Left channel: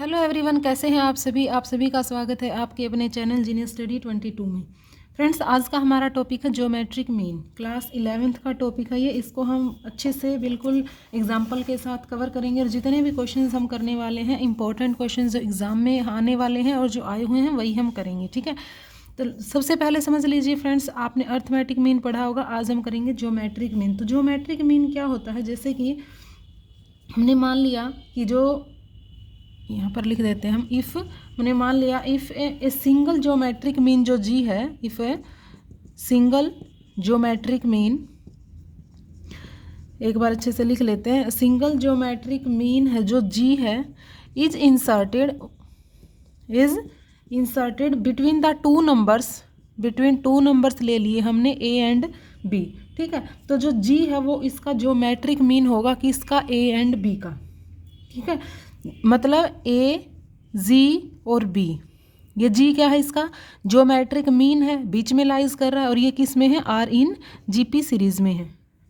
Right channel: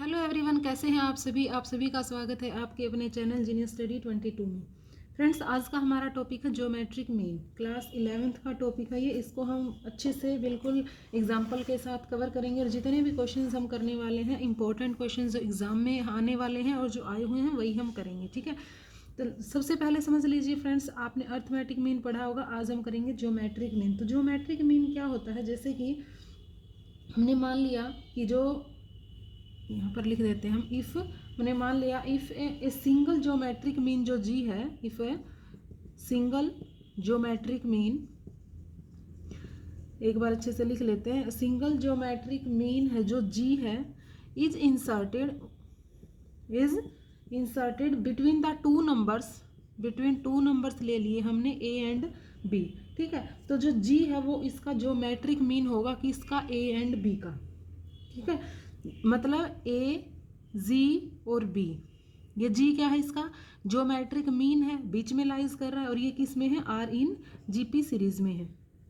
Hello everyone, कैसे हैं आप सभी का स्वागत है आपके अपने चैनल जीनियस स्टडी 22 में। फ्रेंड्स, आज का हमारा टॉपिक है ज्योमेट्रिक मीन। क्लास 11th का टॉपिक है ये। इसको हम अच्छे से बिल्कुल एग्जाम्पल के साथ कवर करेंगे और जितने भी क्वेश्चंस हम करने वाले हैं, इंपॉर्टेंट क्वेश्चंस जो एग्ज़ाम में आने वाले हैं और जो आए हुए हैं वही हम करेंगे, ठीक है। तो सबसे पहले समझ लीजिए फ्रेंड्स, आपने अर्थमेटिक मीन पढ़ा होगा, आज हम करेंगे ज्योमेट्रिक मीन। तो ज्योमेट्रिक मीन क्या होता है, जैसे कि हमने मान लिया कि जो यहाँ पर लिख देते हैं हम, इफ़ हमने मान लिया if a single geometric mean जो जी है, if a single geometric mean, एक बार अच्छे से लिख लेते हैं, सिंगल ज्योमेट्रिक मीन है जो जी है, is inserted between the two numbers ले लिए हमने ए एंड बी, ठीक है। तो जो जी है वो इसका ज्योमेट्रिक मीन होगा कि इसका ए एंड बी का, ठीक है। मतलब ए, जी और बी, ये जी क्या है, इसका ज्योमेट्रिक मीन है, बीच में लाइज कर रहा है, और ये किस में है, आर इन जीपी सीरीज में है,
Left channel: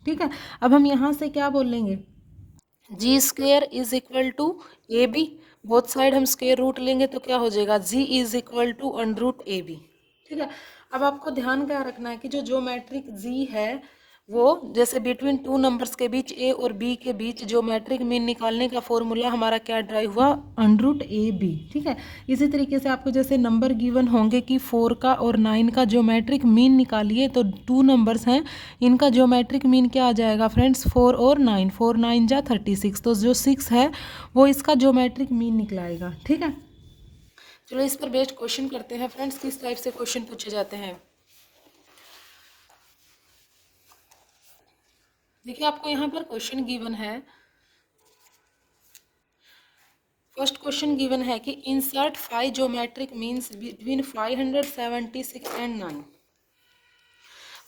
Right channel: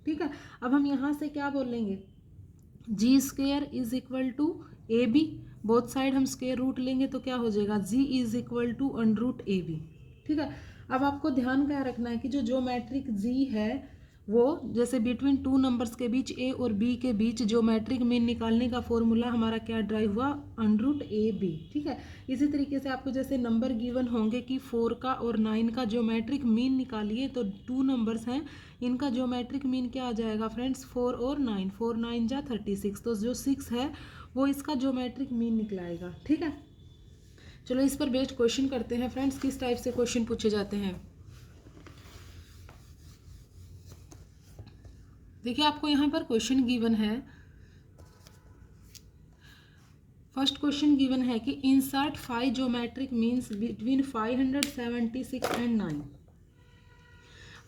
ठीक है। अब हम यहाँ से क्या बोल लेंगे, G square is equal to A B, both side हम स्क्वेयर रूट लेंगे तो क्या हो जाएगा, G is equal to under root A B, ठीक है। अब आपको ध्यान क्या रखना है कि जो ज्योमेट्रिक जी है वो जैसे बिटवीन टू नंबर्स के बीच ए और बी के बीच ज्योमेट्रिक मीन निकालने का फॉर्मूला हमारा क्या ड्राइव हुआ, अंडर रूट ए बी, ठीक है। इसी तरीके से आपको जैसे नंबर गिवन होंगे कि 4 का और 9 का ज्योमेट्रिक मीन निकालिए, तो 2 नंबर्स हैं, इनका ज्योमेट्रिक मीन क्या आ जाएगा फ्रेंड्स, 4 और 9, 4 9 जा 36, तो जो 6 है वो इसका ज्योमेट्रिक मीन निकलाएगा, ठीक है। चलो इस पर बेस्ड क्वेश्चन करते हैं फ्रेंड्स, किस टाइप से क्वेश्चन पूछे जाते हैं। देखिए, आपको यहाँ पर क्वेश्चन गिवन है, फर्स्ट क्वेश्चन गिवन है कि insert 5 geometric means between 576 and 9।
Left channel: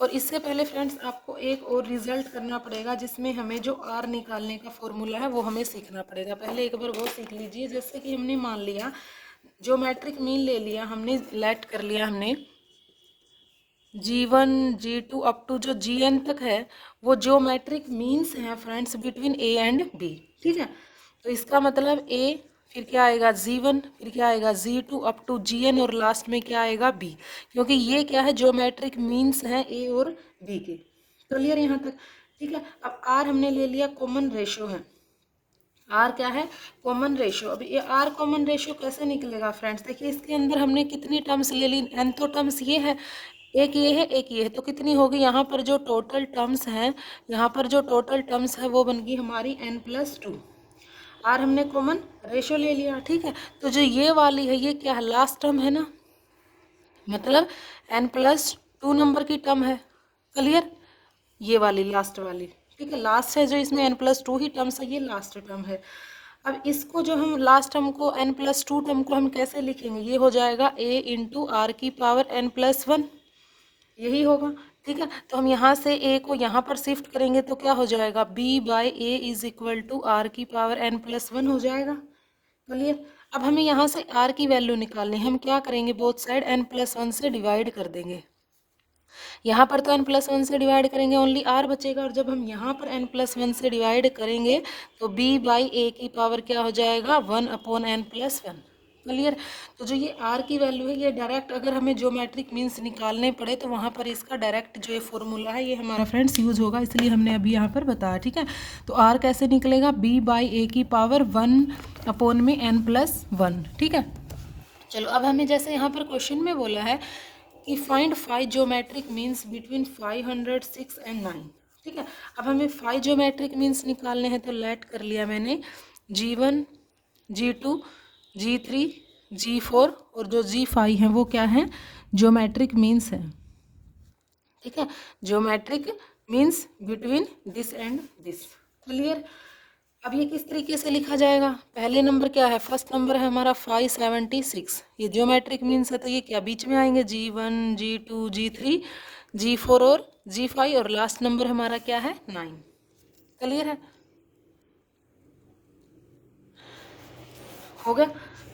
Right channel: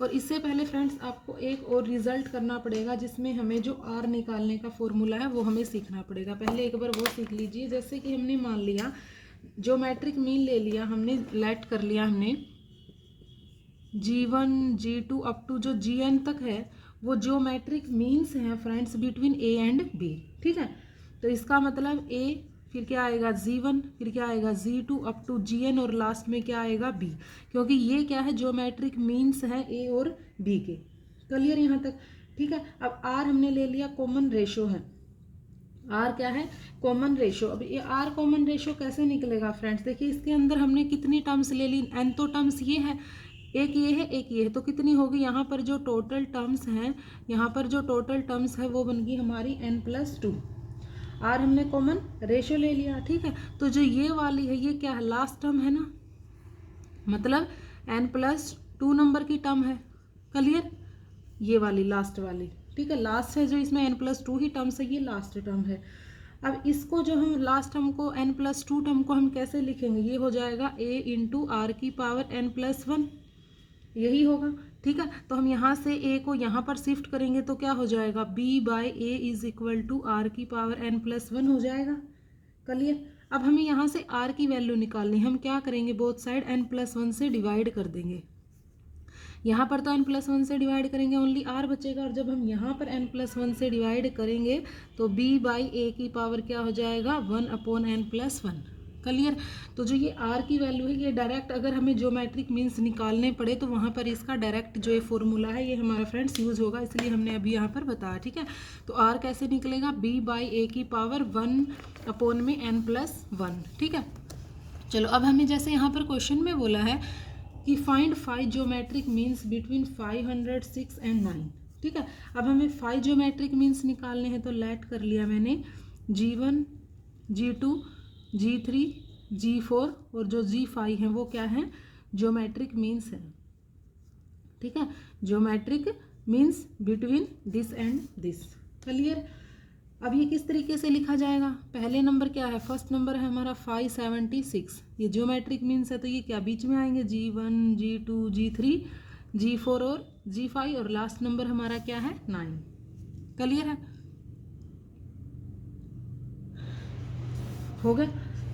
और इससे पहले फ्रेंड्स आपको एक और रिजल्ट करना पड़ेगा, जिसमें हमें जो आर निकालने का फॉर्मूला है वो हमें सीखना पड़ेगा। पहले एक बार वो सीख लीजिए। जैसे कि हमने मान लिया ज्योमेट्रिक मीन ले लिया हमने, लेट कर लिया हमने G1 G2 अप टू जो Gn तक है, वो ज्योमेट्रिक मीन्स हैं friends between A and B, ठीक है। तो इसका मतलब A, फिर क्या आएगा G1, फिर क्या आएगा G2 अप टू Gn, और लास्ट में क्या आएगा B, क्योंकि ये क्या है, ज्योमेट्रिक मीन्स हैं A और B के। क्लियर यहाँ तक, ठीक है। अब R हमने ले लिया, कॉमन रेशो है, आर क्या है, कॉमन रेशो। अब ये आर कॉमन रेशो कैसे निकलेगा फ्रेंड्स, देखिए इसके अंदर हमने कितनी टर्म्स ले ली, एन तो टर्म्स ये है, एक ये है एक ये है, तो कितनी होगी, यहाँ पर जो टोटल टर्म्स हैं, यहाँ पर जो टोटल टर्म्स है वो बन गई हमारी n+2। आर हमने कॉमन रेशो ले लिया, ठीक है। तो जो ये वाली है ये क्या है, लास्ट टर्म है ना, मतलब n+2 नंबर की टर्म है। क्लियर, ये वाली लास्ट वाली, ठीक है, लास्ट है जो इसमें n+2 ही टर्म्स है, ये लास्ट टर्म है। अब इसको जो हम लास्ट टर्म को n+2 टर्म को हम कैसे लिखेंगे, ये हो जाएगा a इंटू आर की पावर n+1, यही होगा, ठीक है। तो हम यहाँ से a को यहाँ पर शिफ्ट करेंगे तो क्या हो जाएगा, b/a is equal to r की पावर n+1 हो जाएगा। क्लियर। अब हमें यहाँ से r की वैल्यू निकालनी है, हम क्या करेंगे, बोथ साइड n+1 से डिवाइड कर देंगे। यहाँ पर तो n+1 से डिवाइड करेंगे, ओनली r बचेगा, और जब हम यहाँ पर n+1 से डिवाइड करेंगे तो b/a की पावर क्या हो जाएगा, 1/n+1। क्लियर। तो जो ये r की वैल्यू है, ये डायरेक्ट अगर हमें ज्योमेट्रिक मीन्स निकालने पड़े तो वहाँ पर इसका डायरेक्ट जो ये फॉर्मूला है ये हमारा फ्रेंड्स यूज़ होगा, इसलिए हमने अभी यहाँ पर बताया, ठीक है। तो r कैसे निकलेगा, b/a की पावर 1/n+1, ठीक है। चलो अब हमें जैसे यहाँ पर क्वेश्चन में बोला है कि find 5 geometric means between 506 and 9, ठीक है। अब हमें 5 ज्योमेट्रिक मीन्स निकालने हैं, तो लेट कर लिया मैंने G1 G2 G3 G4, और जो G5 हैं वो क्या हैं, ज्योमेट्रिक मीन्स हैं, ठीक है, geometric means between this and this. Clear. अब ये किस तरीके से लिखा जाएगा, पहले नंबर क्या है, फर्स्ट नंबर है हमारा 576, ये ज्योमेट्रिक मीन्स है, तो ये क्या बीच में आएंगे, G1 G2 G3 G4 और G5, और लास्ट नंबर हमारा क्या है, 9। क्लियर है, हो गया।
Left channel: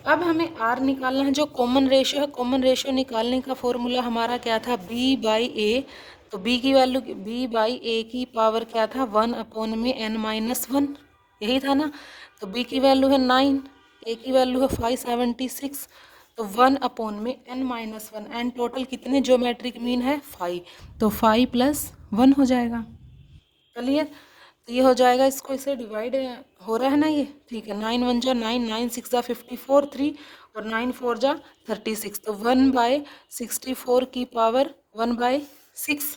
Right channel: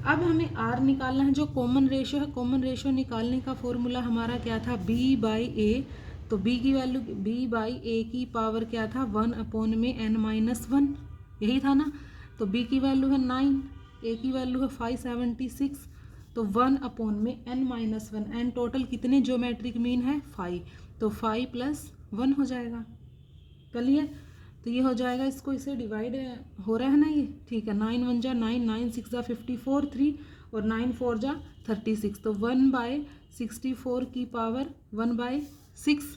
अब हमें R निकालना है, जो कॉमन रेशो है, कॉमन रेशो निकालने का फॉर्मूला हमारा क्या था, b/a, तो b की वैल्यू b/a की पावर क्या था, 1/n-1, यही था ना। तो b की वैल्यू है 9, ए की वैल्यू है 576, तो 1 में n-1, एन टोटल कितने ज्योमेट्रिक मीन है 5, तो 5 + 1 हो जाएगा। क्लियर? तो ये हो जाएगा, इसको इसे डिवाइड हो रहा है ना ये, ठीक है। 9 1 जा 9, 9 6 जा 54, 3 और 9 4 जा 36, तो 1/64 की पावर 1/6।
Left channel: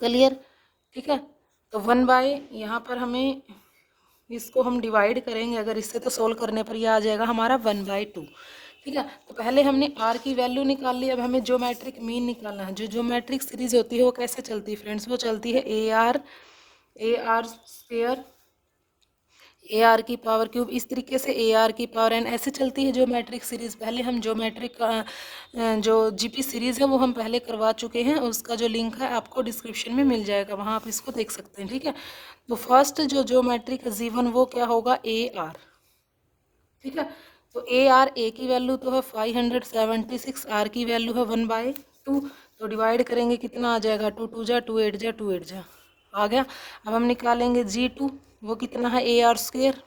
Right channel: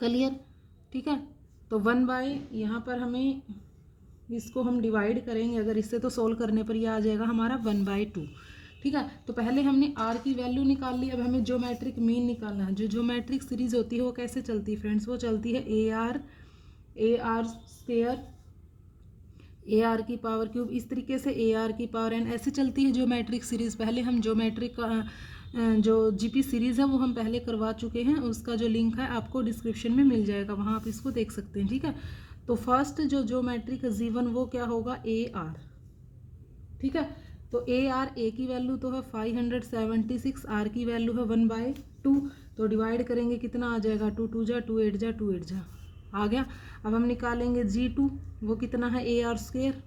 क्लियर? ठीक है। तो 1 बाय, यहाँ पर हमें इसको हम डिवाइड करेंगे अगर इससे, तो सोल्व करने पर ये आ जाएगा हमारा 1/2। ठीक है। तो पहले हमने आर की वैल्यू निकाल ली, अब हमें ज्योमेट्रिक मीन निकालना है। जो ज्योमेट्रिक सीरीज होती है वो कैसे चलती है फ्रेंड्स? वो चलती है AR स्क्वायर AR की पावर क्यूब, इस तरीके से AR की पावर n, ऐसे चलती है ज्योमेट्रिक सीरीज। पहले हम ज्योमेट्रिक जो GP सीरीज़ है वो हम पहले करवा चुके हैं, उसका जो लिंक है आपको डिस्क्रिप्शन में मिल जाएगा, वहाँ आप इसको देख सकते हैं। ठीक है। तो फर्स्ट जो ज्योमेट्रिक जीवन वो क्या होगा? AR। ठीक है। तो AR, A की वैल्यू तो है 576, R की वैल्यू है 1/2, तो डिवाइड करेंगे कितना आ जाएगा? 2 2 जा 2 8 जा 2 8 जा आ गया। अब हम निकालेंगे G2, वो कितना है? AR square.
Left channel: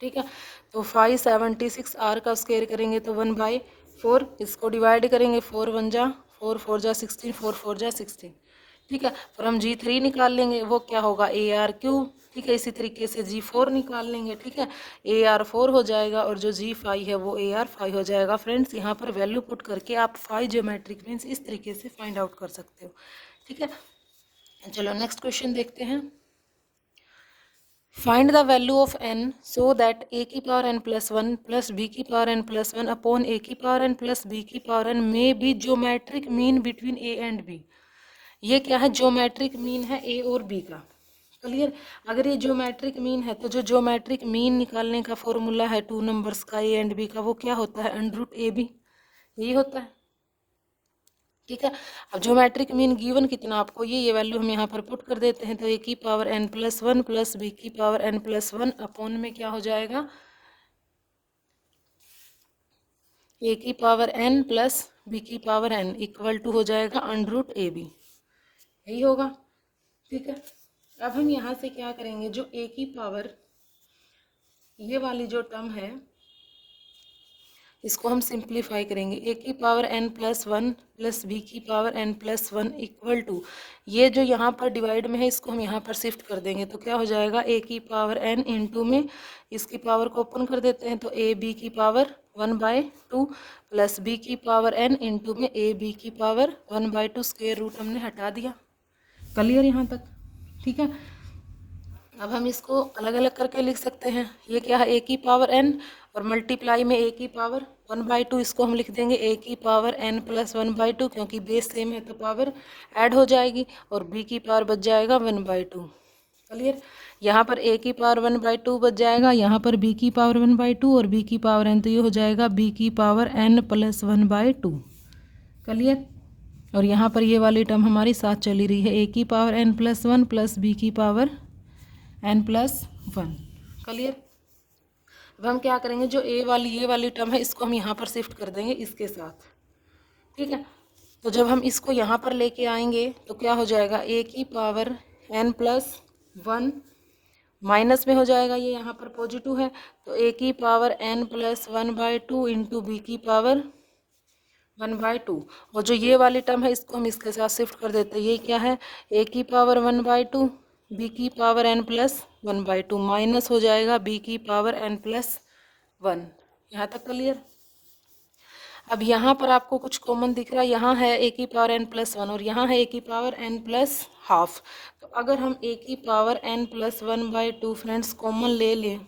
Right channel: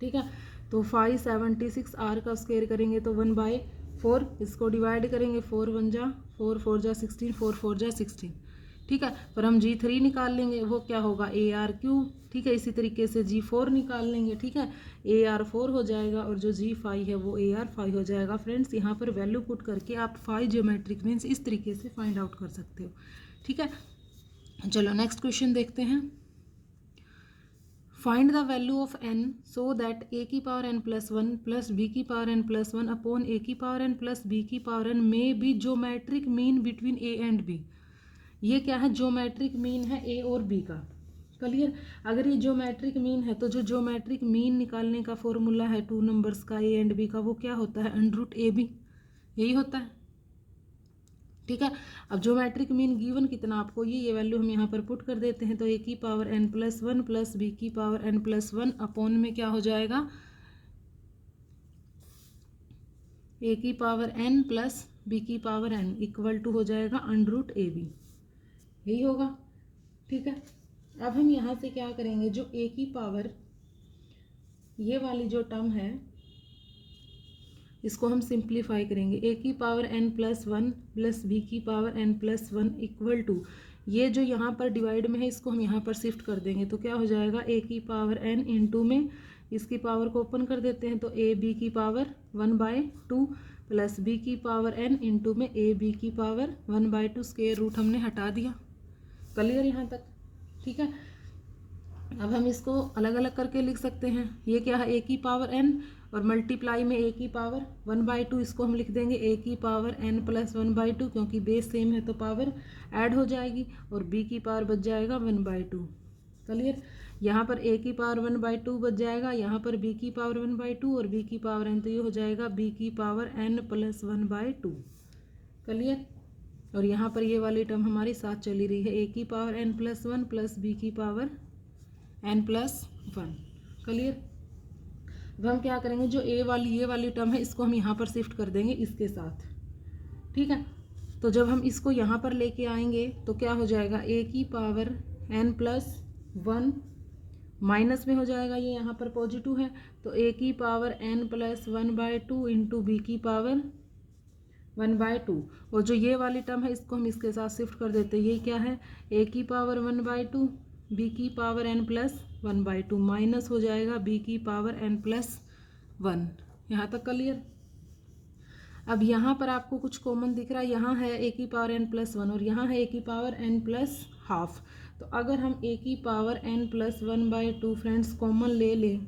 ठीक है। तो 576 R का स्क्वायर करेंगे तो 1/4, इसको डिवाइड करेंगे 4 1 जा 4 4 जा 16, 4 4 जा 16। ठीक है। फिर हम G3 निकाल लेंगे, वो क्या होगा? AR cube. ठीक है। इसी तरीके से G4 निकाल लेंगे। ठीक है। AR 4 हो जाएगा और जो G5 है वो AR 5 हो जाएगा। फ्रेंड्स, यहाँ पर वैल्यू पुट करके आप 5 ज्योमेट्रिक मीन्स इस तरीके से फाइंड आउट कर सकते हो। ठीक है। चलो नेक्स्ट क्वेश्चन देखते हैं। Find the value of n so that a की पावर n + 1 + b की पावर n + 1 अपॉन a की पावर n + b की पावर n में be geometric mean between a and b। ये क्या है? ज्योमेट्रिक मीन है a और b का। क्लियर? अगर ये ज्योमेट्रिक मीन है तो जो ज्योमेट्रिक मीन निकालने का फॉर्मूला है 2 नंबर्स का a एंड b का, वो क्या होता है? √ab, यही होता है। ठीक है। अब ज्योमेट्रिक मीन गिवन कितना आपको, ये वैल्यू हम यहाँ पर पुट कर देते हैं, तो a की पावर n + 1 + b की पावर n + 1 अपॉन में क्या हो जाएगा? a की पावर n + b की पावर n इक्वल टू हो जाएगा √ab, यही होगा। ठीक है। अब हम यहाँ से क्या करेंगे? जो a की पावर, ये वाली जो टर्म है इसको हम सिंप्लीफाई करेंगे। a की पावर n + 1 + b की पावर n + 1 इक्वल टू, ये जो यहाँ पर डिवाइड में है इसको हम यहाँ पर शिफ्ट कर देंगे, तो क्या हो जाएगा? a की पावर n इंटू में इसकी पावर को ओपन कर देते हैं, तो a b की पावर 1/2 + b की पावर n इंटू में a b की पावर 1/2, स्क्वायर रूट हमने हटा दिया। क्लियर यहाँ तक? ठीक है। अब हम इसको अलग अलग करके लिख सकते हैं। ये क्या है? a की पावर n और मल्टीप्लाई में a की पावर 1/2, इसको हम लिख देंगे a की पावर n + 1/2, क्योंकि बेस सेम है तो पावर ऐड हो जाएगी, और b की पावर बच जाएगा 1/2। क्लियर? यहाँ पर a की पावर 1/2 बच जाएगा, यहाँ पर b की पावर 1/2 और b की पावर n, तो ये हो जाएगा b की पावर n + 1/2। क्लियर? और यहाँ पर ये वाली टर्म हमारी साथ चली रही है, a की पावर n + 1 + b की पावर n + 1। क्लियर? अब हम क्या करेंगे? जो ये वाली टर्म है इसको हम यहाँ पर शिफ्ट कर देंगे इसके साथ। ठीक है। तो जब हम इसको यहाँ पर लेके आएंगे तो क्या हो जाएगा? a की पावर n + 1 माइनस में हो जाएगा, ये यहाँ पर पॉजिटिव है, तो a की पावर n + 1/2 इंटू b की पावर 1/2। और जो ये वाली टर्म है इसको हम इसके साथ शिफ्ट कर देते हैं। ये क्या है? a की पावर 1/2 b की पावर n + 1/2 माइनस हो जाएगा b की पावर n + 1। यहाँ तक क्लियर? अब यहाँ पर आपको कुछ कॉमन दिख रहा है, यहाँ है a की पावर n + 1 और यहाँ है a की पावर n + हाफ। तो अगर हम a की पावर n + 1/2 फ्रेंड्स कॉमन ले लें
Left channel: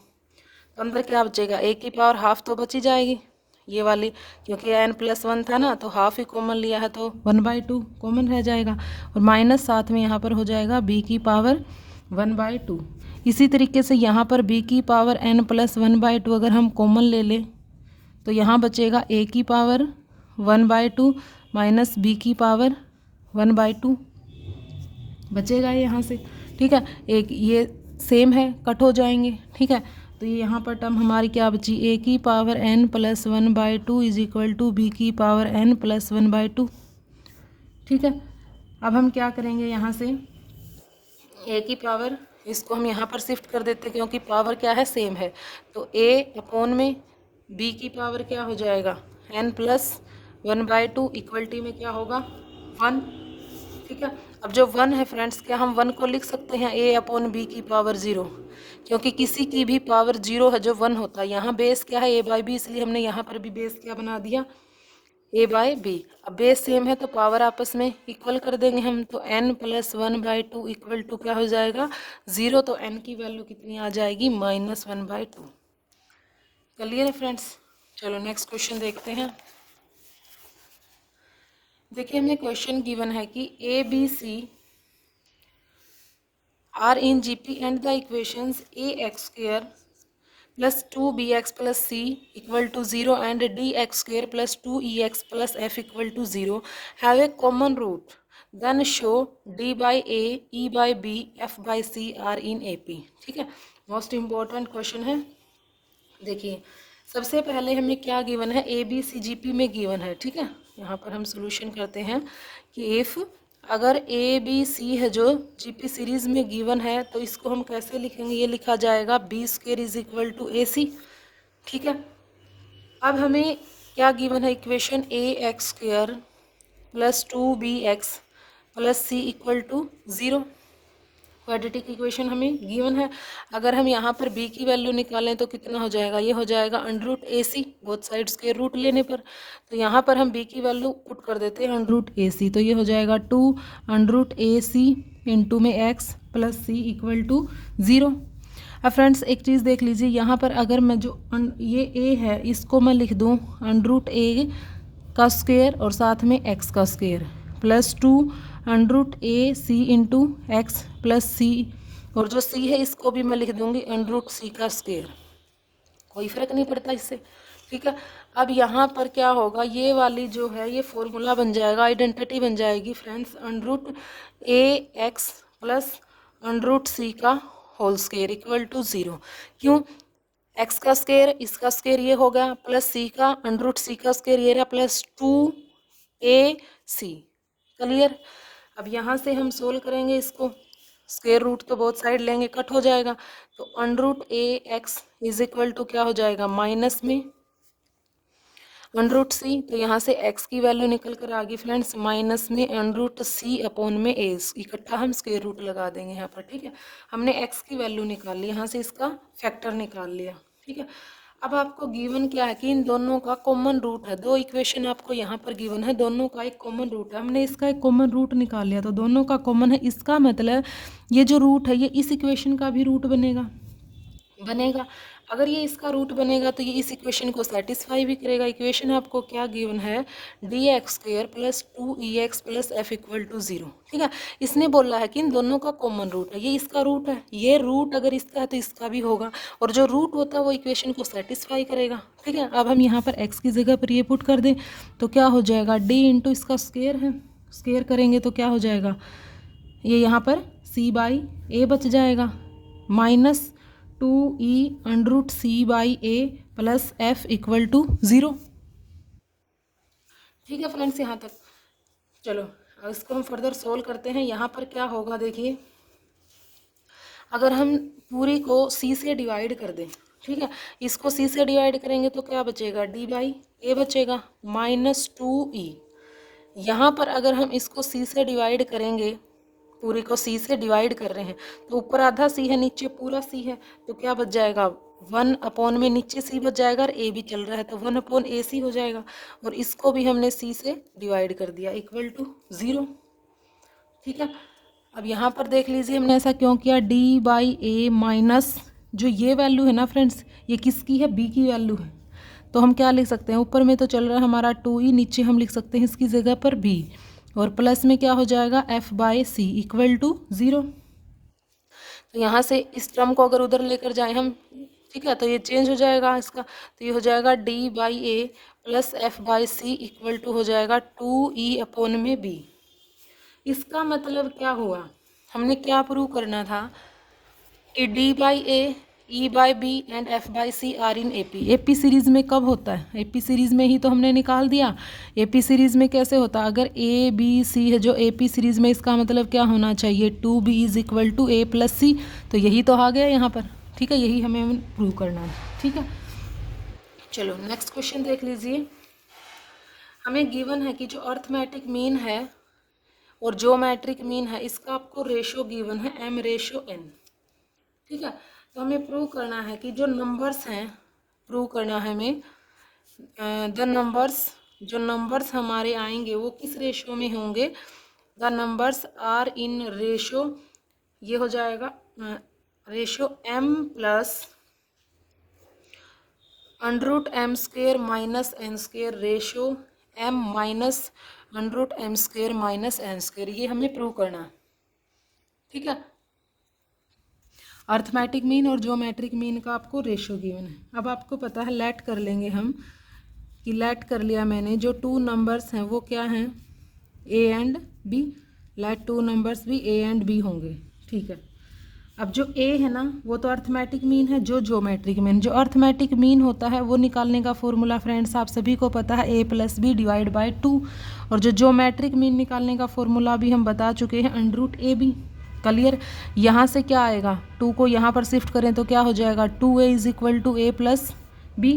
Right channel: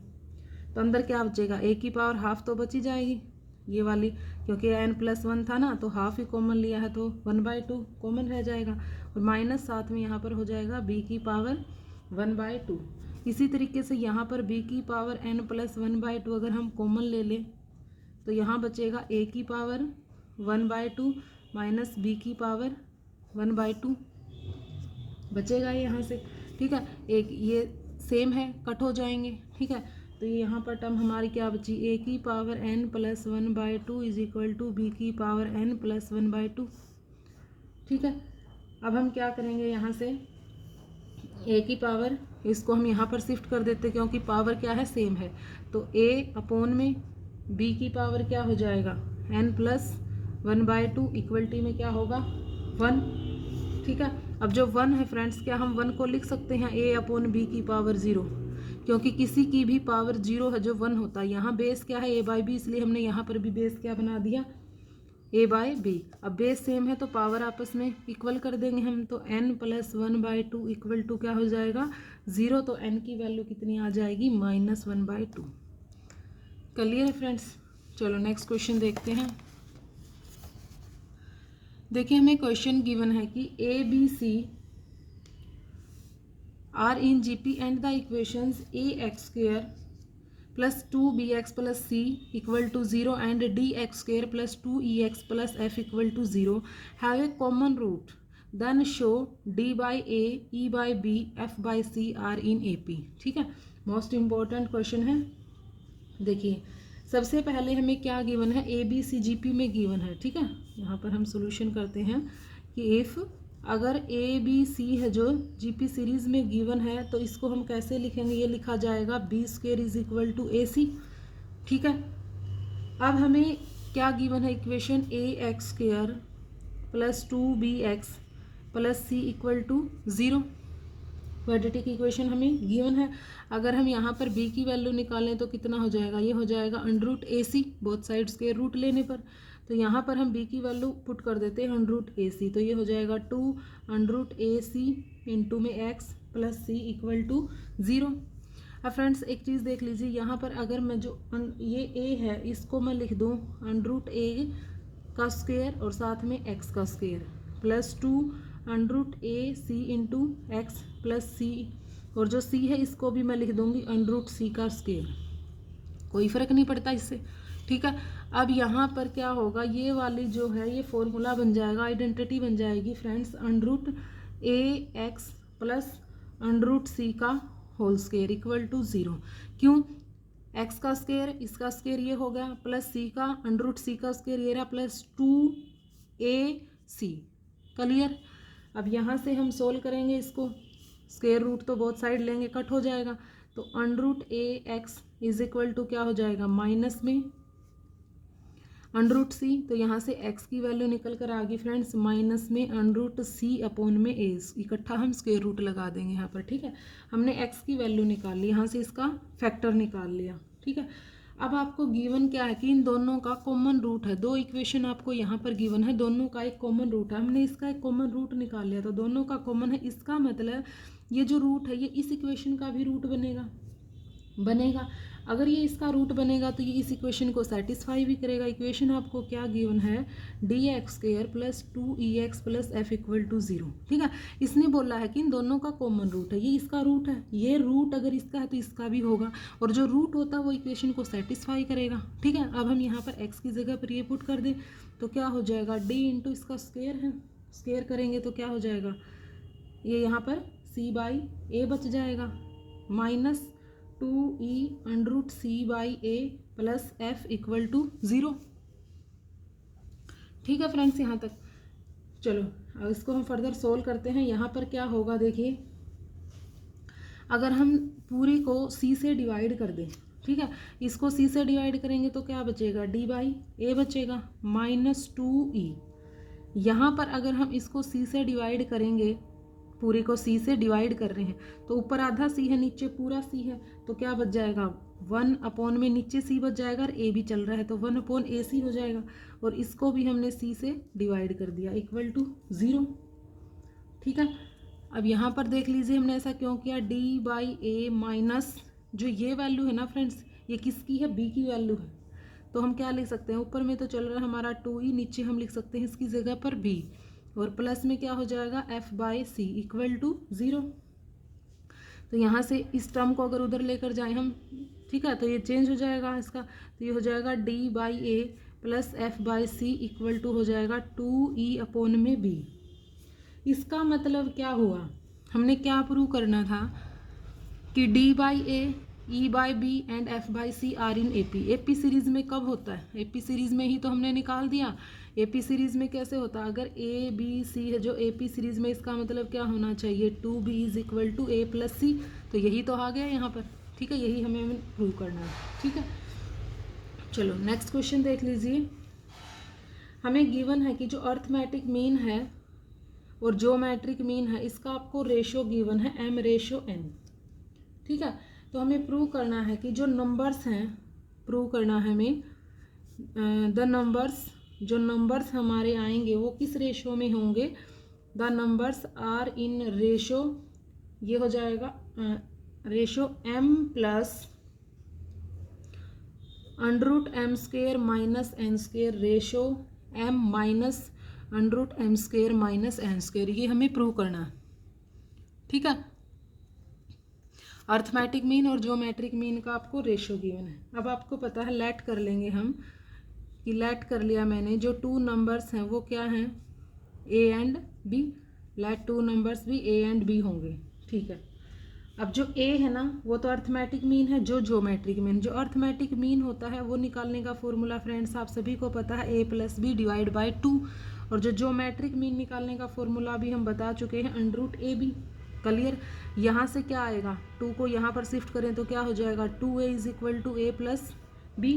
तो अंदर क्या बचेगा? a की पावर हाफ तो बची जाएगी ये वाली, क्योंकि n + 1 था ना, तो हाफ ही कॉमन लिया है तो 1/2 कॉमन रह जाएगा, और माइनस साथ में यहाँ पर हो जाएगा b की पावर 1/2। इसी तरीके से यहाँ पर b की पावर n + 1/2 अगर हम कॉमन ले लें तो यहाँ बचेगा a की पावर 1/2 माइनस b की पावर 1/2 बचेगा यहाँ से। ठीक है। एक ये सेम है, कट हो जाएंगे। ठीक है। तो ये यहाँ पर टर्म हमारी क्या बची? a की power n + 1/2 is equal to b की पावर n + 1/2। ठीक है। अब हम क्या करेंगे? यहाँ से a की पावर इसको हम यहाँ पर शिफ्ट कर देते हैं क्योंकि पावर क्या है, सेम है। तो a अपॉन में b की पावर क्या हो जाएगा, n+1/2 इक्वल टी में क्या होगा 1। ठीक है, अब जो 1 है फ्रेंड्स, क्या हम 1 को लिख सकते हैं a अपॉन b की पावर 0, क्योंकि किसी की भी पावर 0 है जो 1 होता है। यहाँ बेस क्या है, a/b, इसलिए हमने यहाँ पर भी बेस क्या बना दिया, a/b। अब बेस सेम है तो पावर आपस में इक्वल कर देंगे हम, तो n+1/2 इक्वल टू क्या हो जाएगा 0, तो n की वैल्यू कितनी आ जाएगी, -1/2। क्लियर है फ्रेंड्स। चलो नेक्स्ट क्वेश्चन देखते हैं। देखिए हमें क्वेश्चन गिवन है कि A B C are in GP and the equations ax² + 2bx + c = 0 and dx² + 2ex + f = 0 have a common root, then show d/a, e/b, f/c are in AP। ठीक है, most important question है। देखिए सबसे पहले हमें क्या given है, A B C G P में गिवन है। ठीक है, यहाँ पर हम सोल्यूशन करते हैं कि इफ़ अगर ए बी सी है जो जी पी सीरीज़ में गिवन है, तो इसको हम कैसे लिखेंगे, ये लिखा जाएगा b² = AC। ठीक है, अब हमें क्या गिवन है, equation ax² + 2bx + c = 0। Quadratic equation हमें गिवन है। अगर हम यहाँ पर b की वैल्यू निकालें तो कितना हो जाएगा, ये हो जाएगा √AC, बोथ साइड्स के रूट लेने पर। तो यहाँ पर हम b की वैल्यू पुट कर देते हैं √AC, तो ये हो जाएगा 2√AC इंटू में x + c = 0। अब फ्रेंड्स एक चीज़ देख लीजिए, यहाँ पर अगर मैं जो ये a है इसको मैं लिख दूँ √A का स्क्वायर और साथ में x का square + 2√AC into x + c, और जो c है इसको भी मैं लिख दूँगी √C का स्क्वायर, कोई फ़र्क नहीं पड़ता इससे। ठीक है, अब यहाँ पर क्या होगा, ये वाली जो है ये फॉर्मूला बन जाएगा, आइडेंटिटी बन जाएगी फ्रेंड्स, √ax + √c का होल स्क्वायर = 0। क्यों, x का स्क्वायर, इसका स्क्वायर ये हो गया, प्लस c का √c का स्क्वायर ये रहा, + 2ac। क्लियर। अब यहाँ से हम सोल्व करेंगे इसको, स्क्वायर रूट तो बहुत साइड लेंगे, कट हो जाएगा, तो √ax = क्या हो जाएगा, माइनस में √c, तो यहाँ से x की वैल्यू निकल कर आ गई फ्रेंड्स, माइनस में √c अपॉन में a, इकट्ठा हम स्क्वायर रूट लगा देंगे यहाँ पर। ठीक है, हमने x की वैल्यू निकाल ली, यहाँ से इसका फैक्टर निकाल लिया। ठीक है, अब आपको गिवन क्या है कि इन दोनों का कॉमन रूट है, दो इक्वेशन आपको यहाँ पर गिवन है, दोनों का एक कॉमन रूट है, हमने इसका एक कॉमन रूट निकाल लिया, तो दोनों का कॉमन है। इसका मतलब ये जो रूट है ये इस इक्वेशन का भी रूट बनेगा। अगर ये इसका रूट बनेगा तो ये इस इक्वेशन को सेटिस्फाई भी करेगा। इक्वेशन आपको क्या गिवन है, dx² + 2ex + f = 0। ठीक है, इसने बोला है कि इन दोनों का कॉमन रूट है, ये इसका रूट है, ये रूट अगर इसका है तो इसका भी होगा, और जो रूट होता है वो इक्वेशन को सेटिस्फाई करेगा। ठीक है, अब हम यहाँ पर x की जगह पर ये पुट कर दें तो क्या हो जाएगा, d इंटू इसका स्क्वायर है, स्क्वायर करेंगे तो क्या हो जाएगा, ये यहाँ पर c/a बच जाएगा, माइनस 2e √c/a + f = 0। ठीक है फ्रेंड्स, यहाँ तक। चलो अब इसको हम फर्दर सोल्व करते हैं। यहाँ पर क्या होगा, देखिए अगर हम पूरी को c से डिवाइड कर दें, ठीक है, इसको c से डिवाइड करेंगे तो क्या बचेगा, d/a बचेगा, -2e। यहाँ पर अगर हम इसको c से डिवाइड करेंगे, पूरी को c से डिवाइड कर रहे हैं, तो ऊपर आधा c है, नीचे पूरा c है, तो क्या बच जाएगा, 1 अपॉन में नीचे c बच जाएगा, और a भी चल रहा है तो 1/ac हो जाएगा, और इसको भी हमने c से डिवाइड कर दिया = 0। ठीक है, अब यहाँ पर देख लीजिए हमने ऐसा क्यों किया, d/a माइनस जो ये वैल्यू है ना फ्रेंड्स, ये किसकी है, b की वैल्यू है, तो हम क्या लिख सकते हैं, ऊपर में तो चल रहा है हमारा 2e, नीचे हम लिख सकते हैं इसकी जगह पर b, और प्लस में क्या हो जाएगा, f/c = 0। तो यहाँ से इस टर्म को अगर उधर लेकर जाएं हम, ठीक है, तो ये चेंज हो जाएगा इसका, तो ये हो जाएगा d/a + f/c = हो जाएगा 2e अपॉन में b। इसका मतलब क्या हुआ, हमने क्या प्रूव करना था कि d/a E by B and F by C are in AP। AP series में कब होता है? AP सीरीज़ में ही तो हमने निकाल दिया। AP सीरीज़ में कैसे होता है? अगर A B C है जो AP सीरीज़ में, इसका मतलब क्या होना चाहिए? 2B is equal to A plus C। तो यही तो आ गया यहाँ पर, ठीक है, यही हमें प्रूव करना है, ठीक है। चलो नेक्स्ट क्वेश्चन देख लीजिए। हमें गिवन है कि जो अर्थमेटिक मीन है और ज्योमेट्रिक मीन है, इसका आपको रेशो गिवन है m/n, ठीक है। तो हमें प्रूव करना है कि जो नंबर्स हैं, प्रूव करना है हमें द नंबर्स, जो नंबर्स हमारे आएंगे वो किस रेशो में होंगे। The numbers are in ratio, ये हो जाएगा ratio m plus √m² minus n², ratio m minus √m² minus n²। ये हमें प्रूव करना, ठीक है। अर्थमेटिक मीन और ज्योमेट्रिक मीन का आपको रेशो गिवन है। अब आपको पता है, लेट कर लेंगे हम, कि लेट कर लिया मैंने, जो 2 नंबर्स हैं वो क्या हैं? A and B। Let 2 numbers भी A एंड B होंगे, ठीक है। अब जो A है ना वो तो अर्थमेटिक मीन है, जो ज्योमेट्रिक मीन, जो अर्थमेटिक मीन होता है वो निकालने का फॉर्मूला फ्रेंड्स आप सभी को पता है, A plus B divide by 2। और जो ज्योमेट्रिक मीन निकालने का फॉर्मूला भी हम बता चुके हैं, √AB। क्लियर? यहाँ से क्या आएगा? 2 को यहाँ पर शिफ्ट करें तो क्या हो जाएगा? 2A is equal to A plus B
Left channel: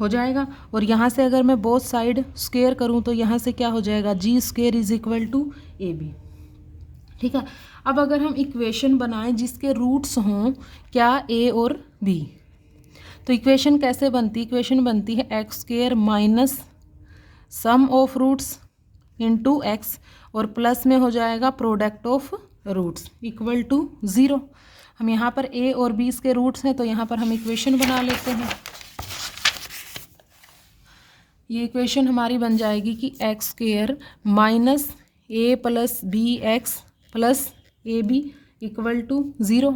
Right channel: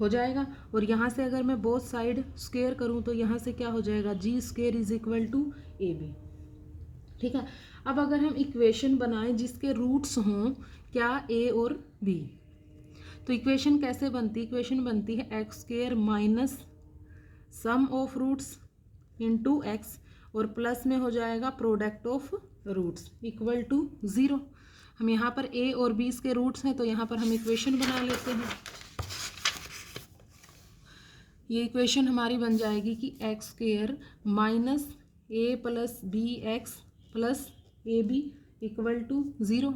हो जाएगा। और यहाँ से अगर मैं बोथ साइड स्क्वायर करूँ तो यहाँ से क्या हो जाएगा? G² is equal to AB, ठीक है। अब अगर हम इक्वेशन बनाएं जिसके रूट्स हों क्या? A और B, तो इक्वेशन कैसे बनती? इक्वेशन बनती है x² minus sum of roots into x, और प्लस में हो जाएगा product of roots equal to 0। हम यहाँ पर A और B के रूट्स हैं तो यहाँ पर हम इक्वेशन बना लेते हैं। ये इक्वेशन हमारी बन जाएगी कि x² minus A plus BX plus AB equal to 0,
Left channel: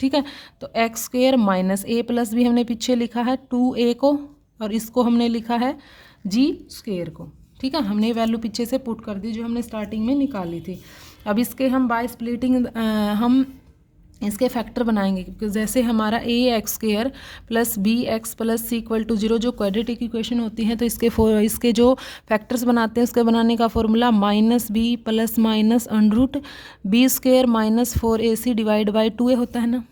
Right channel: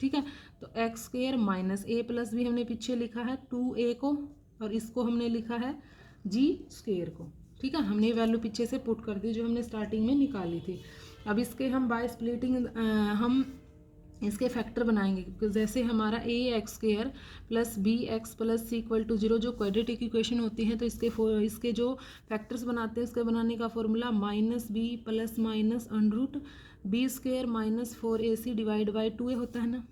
ठीक है। तो x² minus A plus B हमने पीछे लिखा है 2A को, और इसको हमने लिखा है G² को, ठीक है। हमने वैल्यू पीछे से पुट कर दी जो हमने स्टार्टिंग में निकाली थी। अब इसके हम बाय स्प्लिटिंग हम इसके फैक्टर बनाएंगे, क्योंकि जैसे हमारा AX² plus BX plus C equal to 0 जो क्वाड्रेटिक इक्वेशन होती है, तो इसके जो फैक्टर्स बनाते हैं उसके बनाने का formula -b plus minus √b² minus 4AC divide by 2A होता है ना।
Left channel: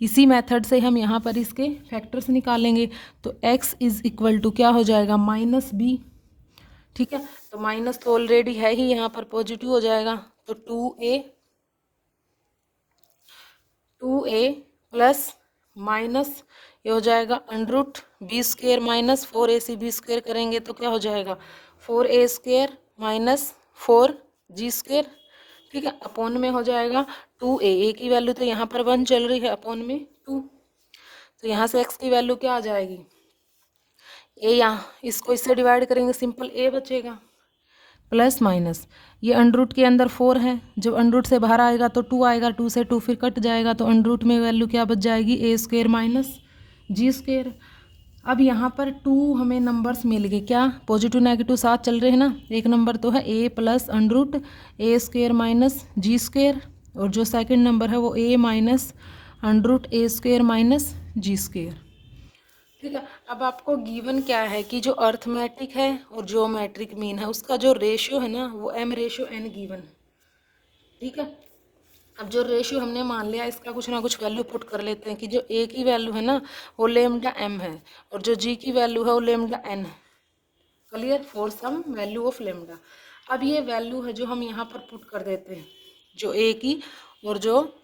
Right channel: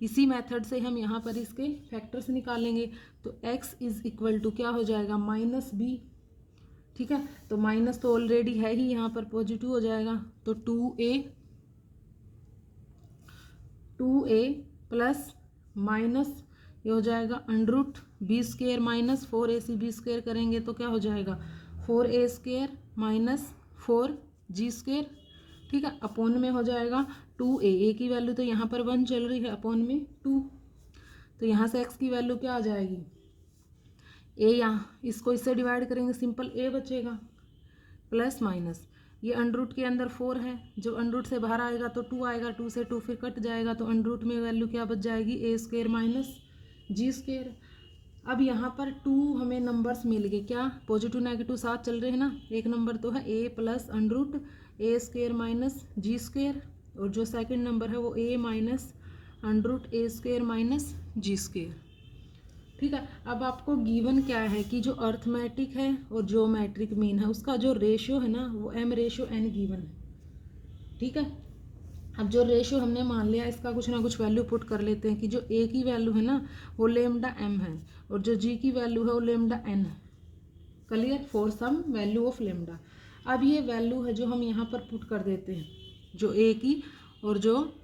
इसी मेथड से हम यहाँ पर इसके फैक्टर्स निकालेंगे। तो x इज इक्वल टू क्या हो जाएगा? -b, ठीक है। तो माइनस तो ऑलरेडी है ही, यहाँ पर पॉजिटिव हो जाएगा। तो 2a प्लस माइनस ये हो जाएगा √b² माइनस 4AC b² करेंगे तो क्या हो जाएगा? 4A² माइनस 4G², ठीक है। अपॉन में हो जाएगा 2A की वैल्यू तो यहाँ पर 1 चल रही है, अपॉन में 2। तो यहाँ से x की वैल्यू क्या आ जाएगी? A, यहाँ इसको इससे डिवाइड करेंगे, सिंपल A बचेगा प्लस माइनस ये √ के अंदर 4 है, जब √ से बाहर आएगा तो 2 आएगा, 2 से 2 फिर कट जाएगा, तो √ में वैल्यू क्या बच जाएगी? A² minus G²। अब यहाँ पर 2 हमें नंबर्स मिल गए, क्या? पॉजिटिव नेगेटिव साथ चल रहे हैं ना। एक नंबर तो है A plus √A² minus G², और जो सेकंड नंबर है वो A minus √A² minus G², ठीक है। अब आपको गिवन क्या है कि जो अर्थमेटिक है और ज्योमेट्रिक मीन है उसका जो रेशियो है ना वो m/n गिवन है, ठीक है। अब जो रेशियो हमने मान लिया इसका कुछ ना कुछ वैल्यू पुट कर लेते हैं कि जो A की वैल्यू है ना वो λm है, और जो G की वैल्यू है वो λn है। Clear? For some value of λ। अब ये वैल्यू है जो हम यहाँ पर पुट कर देते हैं, जो A की और जो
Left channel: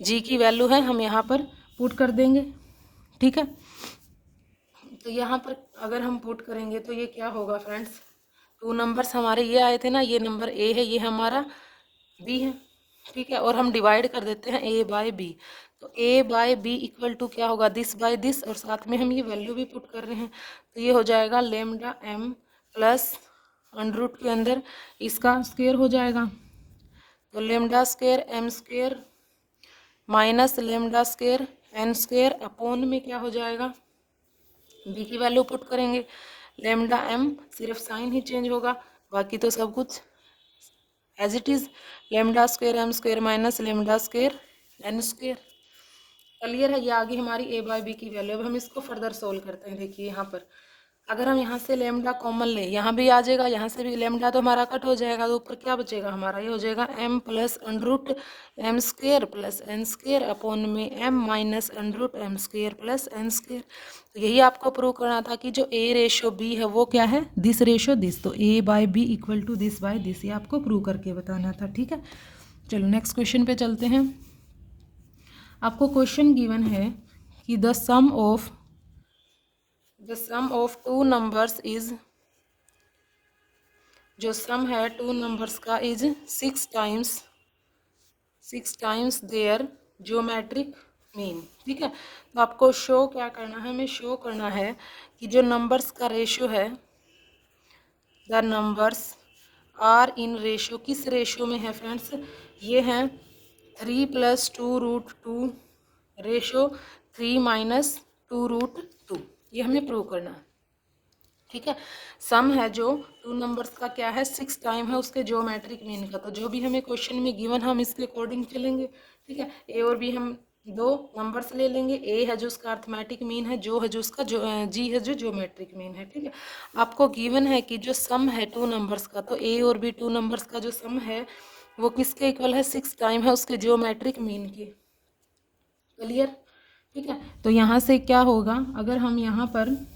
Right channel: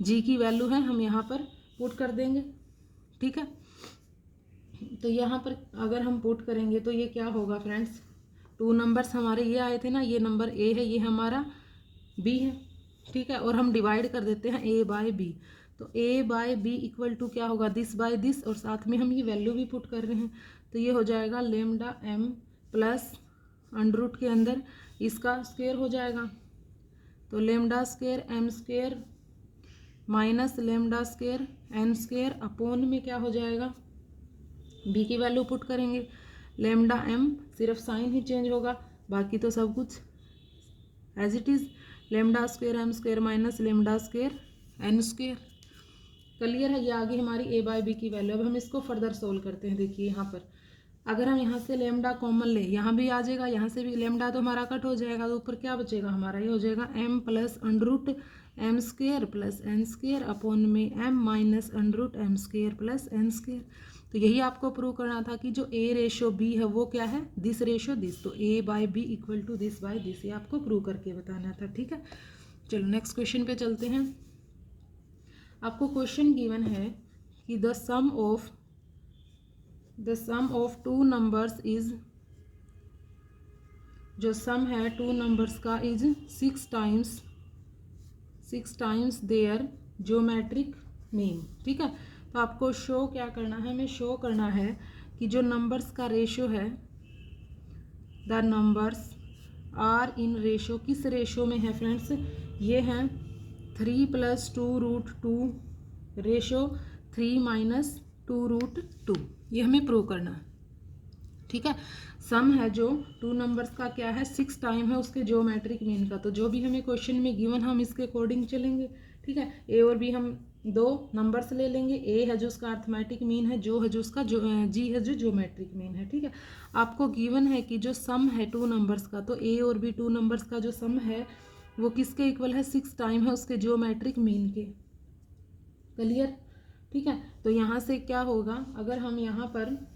G की वैल्यू है हम यहाँ पर पुट कर देंगे, ठीक है। तो यहाँ पर अगर हम पुट करेंगे तो ये क्या होगा फ्रेंड्स? 2 नंबर्स हमारे ये आए थे ना, ये नंबर A है, ये हमारा B है, ठीक है। और हम डिवाइड कर देते हैं A बाय B, तो A by B equal to क्या होगा? दिस बाय दिस, और साथ में हम ये वैल्यू भी पुट कर रहे हैं, तो ये हो जाएगा λm प्लस √ के अंदर इसका स्क्वायर हो जाएगा, तो λ² m² माइनस λ² n² अपॉन में क्या हो जाएगा? B की वैल्यू पुट करेंगे, λm सिर्फ साइन ही चेंज होगा, बाकी तो सब कुछ as it is, λ² m² minus λ² n², clear है? ये आगे हमारी ए बाय बी की वैल्यू। अब हम इसको फर्दर सोल्व करते हैं। देखिए यहाँ पर अगर हम यहाँ से लेमडा कॉमन ले, यहाँ भी आ जाएगा, यहाँ से भी लेमडा तो हमारा कट हो जाएगा, तो ऊपर क्या बचेगा हमारा, ये हो जाएगा m plus under root M square plus N square upon में m minus under root M square plus N square. तो यही आपको प्रूव करना था कि जो a रेशो b है वो क्या है, दिस रेशो दिस, तो a by B equal to this by this, ये आपको प्रूव करके बताना था। ठीक है, चलो नेक्स्ट क्वेश्चन पे चलते हैं। आपको क्वेश्चन गिवन है कि the sum of two numbers is, जो सम है टू नंबर्स का is 6 times their geometric mean. ठीक है, तो आपको शो क्या करना है, हमें शो करना है कि जो नंबर्स का रेशो है, the numbers are in ratio, किस रेशो में है फ्रेंड्स, ये है 3 + 2√2 रेशो 3 - 2√2, ये हमें प्रूव करना है। ठीक है, सम है जो टू नंबर्स का क्या है, 6 टाइम है उसके ज्योमेट्रिक मीन का। तो जो भी हमें क्वेश्चन में गिवन है हम इसके अकॉर्डिंग चलेंगे। ठीक है, ए और बी हम दो नंबर्स ले लेंगे, ए है जो उसका अर्थमेटिक मीन है, जो है जो उसका जी है जो ज्योमेट्रिक मीन है। ठीक है, आपको गिवन है कि जो सम है टू नंबर्स का, तो ए और बी टू नंबर्स का जो सम है वो किसके इक्वल है, 6 टाइम है उसके ज्योमेट्रिक मीन के। क्लियर? ठीक है, तो यहाँ से क्या होगा, अगर हम यहाँ पर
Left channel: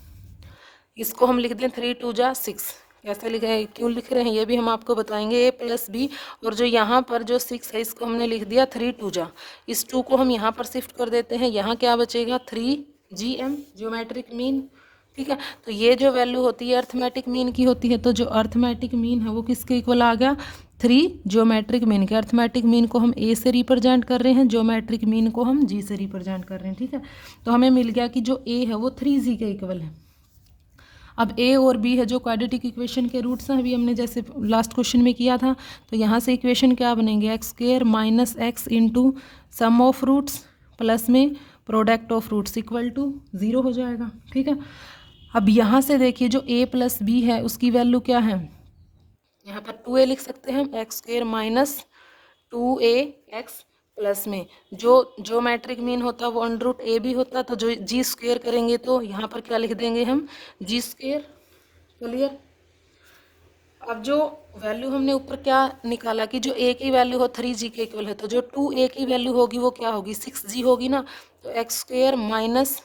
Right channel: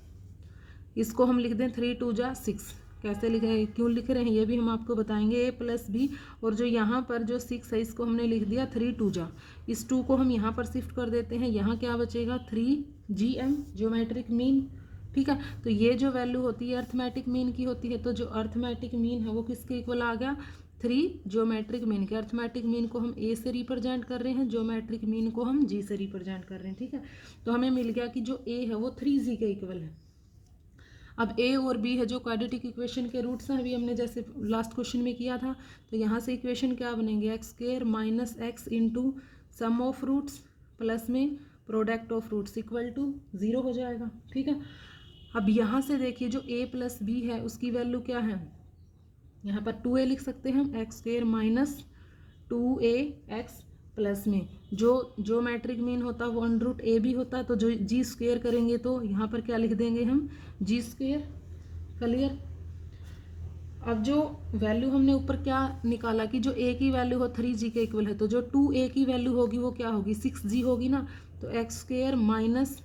इसको हम लिख दें 3 × 2 = 6, कैसे लिखे, क्यों लिख रहे हैं ये भी हम आपको बताएंगे, a + b, और जो यहाँ पर जो 6 है इसको हमने लिख दिया 3 × 2 =, इस 2 को हम यहाँ पर शिफ्ट कर देते हैं, यहाँ क्या बचेगा 3gm ज्योमेट्रिक मीन। ठीक है, तो ये जो वैल्यू होती है अर्थमेटिक मीन की होती है, तो जो अर्थमेटिक मीन है वो किसके इक्वल आ गया, 3 ज्योमेट्रिक मीन के। अर्थमेटिक मीन को हम ए से रिप्रेजेंट कर रहे हैं, ज्योमेट्रिक मीन को हम जी से रिप्रेजेंट कर रहे हैं। ठीक है, तो हमें मिल गया कि जो ए है वो 3g के इक्वल है। अब ए और बी है जो क्वाड्रेटिक इक्वेशन के रूट्स हैं, अभी हमने जैसे लास्ट क्वेश्चन में किया था, तो यहाँ से इक्वेशन क्या बनेंगे, x² - x × sum of roots plus में product of roots equal to 0 हो जाएगा। ठीक है, अब यहाँ से देखिए जो a + b है उसकी वैल्यू क्या है, यहाँ पर 2a लिख सकते हैं, x² - 2ax प्लस में जो ज्योमेट्रिक मीन होता है वो √a भी होता, तो जो g² करेंगे तो यहाँ पर क्या लिख देंगे हम, g²। क्लियर? अब जो वैल्यू हमने ऊपर क्या निकाला कि जो a की वैल्यू हो 3g के इक्वल है, तो जो 2a की वैल्यू होगी वो क्या होगी, 6g होगी ना, तो x² माइनस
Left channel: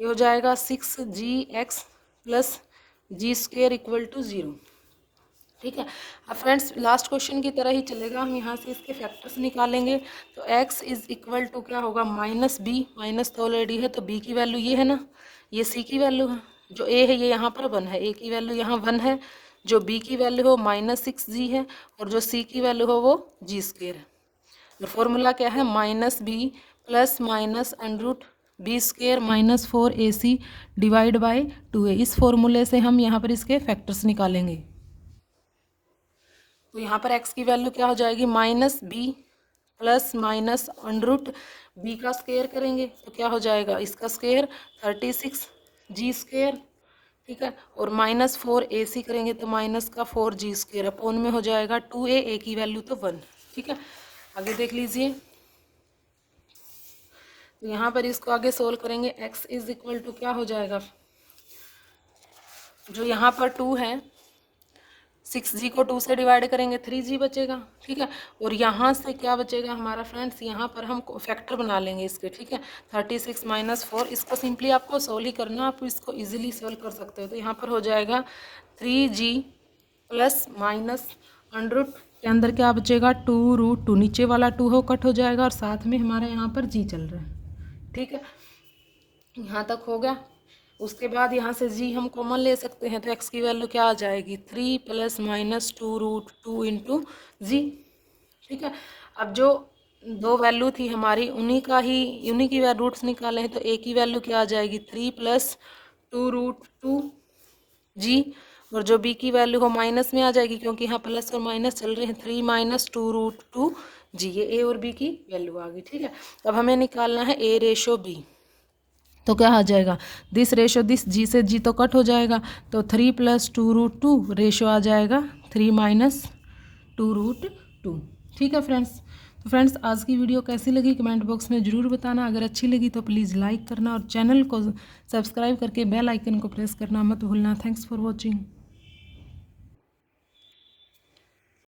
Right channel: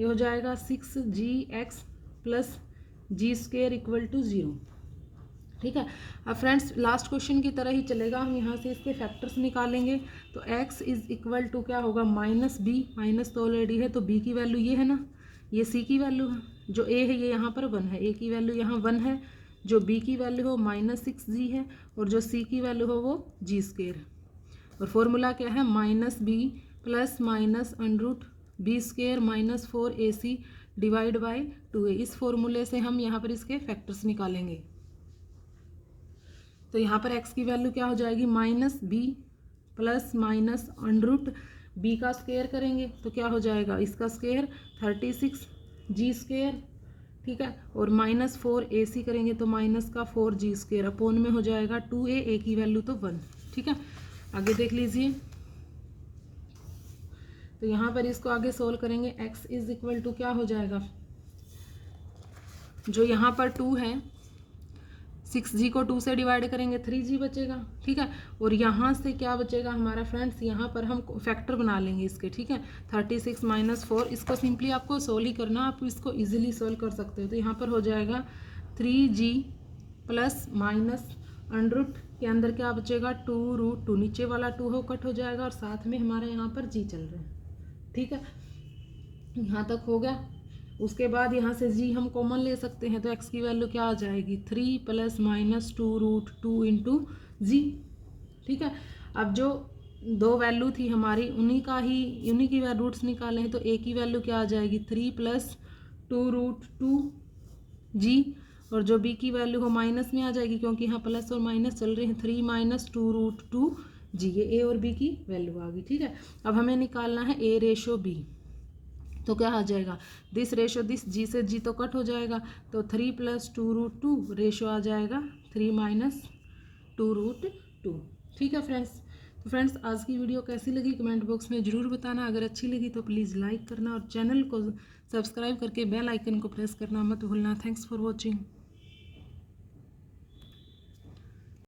ये हो जाएगा 6gx plus g² equal to 0। ठीक है, अब फ्रेंड्स लास्ट क्वेश्चन की तरह ही चलेगा, हम यहाँ से इसके फैक्टर्स निकालेंगे, तो x इज इक्वल टू क्या होगा, -b, माइनस तो ऑलरेडी है, तो b की वैल्यू ये है ना, ये c की वैल्यू है, जो a है ये यहाँ पर 1 है, a की वैल्यू यहाँ 1 है, जो b की वैल्यू हो -6g है, और जो c की वैल्यू हो वो g² है। और फॉर्मूला क्या है, -b plus minus √b² - 4ac divide by 2a, इस फॉर्मूले से हम यहाँ पर इसके फैक्टर्स निकालेंगे। तो यहाँ पर x की वैल्यू क्या हो जाएगी, -b प्लस माइनस √b का स्क्वायर करेंगे तो क्या हो जाएगा, इसका स्क्वायर 36g²। ठीक है, और -4ac करेंगे तो माइनस का 4g² अपॉन में हो जाएगा 2a, a की वैल्यू तो 1। ठीक है, आगे देख लीजिए, तो यहाँ पर इसको आगे सोल्व करेंगे, x इज इक्वल टू क्या हो जाएगा, जो यहाँ पर 2 है 6g को 2 से डिवाइड करेंगे 3g बचेगा। ठीक है, और यहाँ से क्या बचेगा हमारा फ्रेंड्स, यहाँ पर हम फैक्टर बना लेंगे इसके। ठीक है, 36 - 4, इसका सिंपली आपको सोल्व ही करना, आप इसको इजीली सोल्व कर सकते हो। तो यहाँ पर हो जाएगा 3g प्लस माइनस अंडर के अंदर क्या बचेगा 2√2, नीचे वाला 2 हो कट हो जाएगा, और साथ में हमारे यहाँ पर g चल रहा है। ठीक है, यहाँ तक हो गया। उसके बाद यहाँ से g हम कॉमन ले सकते हैं, तो x की वैल्यू क्या आ जाएगी, 3 + -2√2 × g। ठीक है, अब जो दो वैल्यू थी हमारी उन्हीं की रूट्स निकाले हैं, तो a की वैल्यू क्या आ जाएगी 3 + 2√2g, और जो b की वैल्यू हो माइनस में आ जाएगी क्योंकि यहाँ प्लस और माइनस चल रहे हैं, 3 - 2√2g, ये a और b की वैल्यू आ गई। ठीक है, अब हमें निकालना है a/b, तो क्या आ जाएगा, दिस रेशो दिस, g से g तो कट हो जाएगा, तो 3 + 2√2 रेशो आ जाएगा 3 - 2√2। ठीक है फ्रेंड्स, तो फ्रेंड्स आज की वीडियो कैसी लगी कमेंट बॉक्स में ज़रूर बताना। अगर अच्छी लगी तो प्लीज़ लाइक करना और चैनल को सब्सक्राइब करके बेल आइकन को प्रेस करना मत भूलना। Thanks for watching.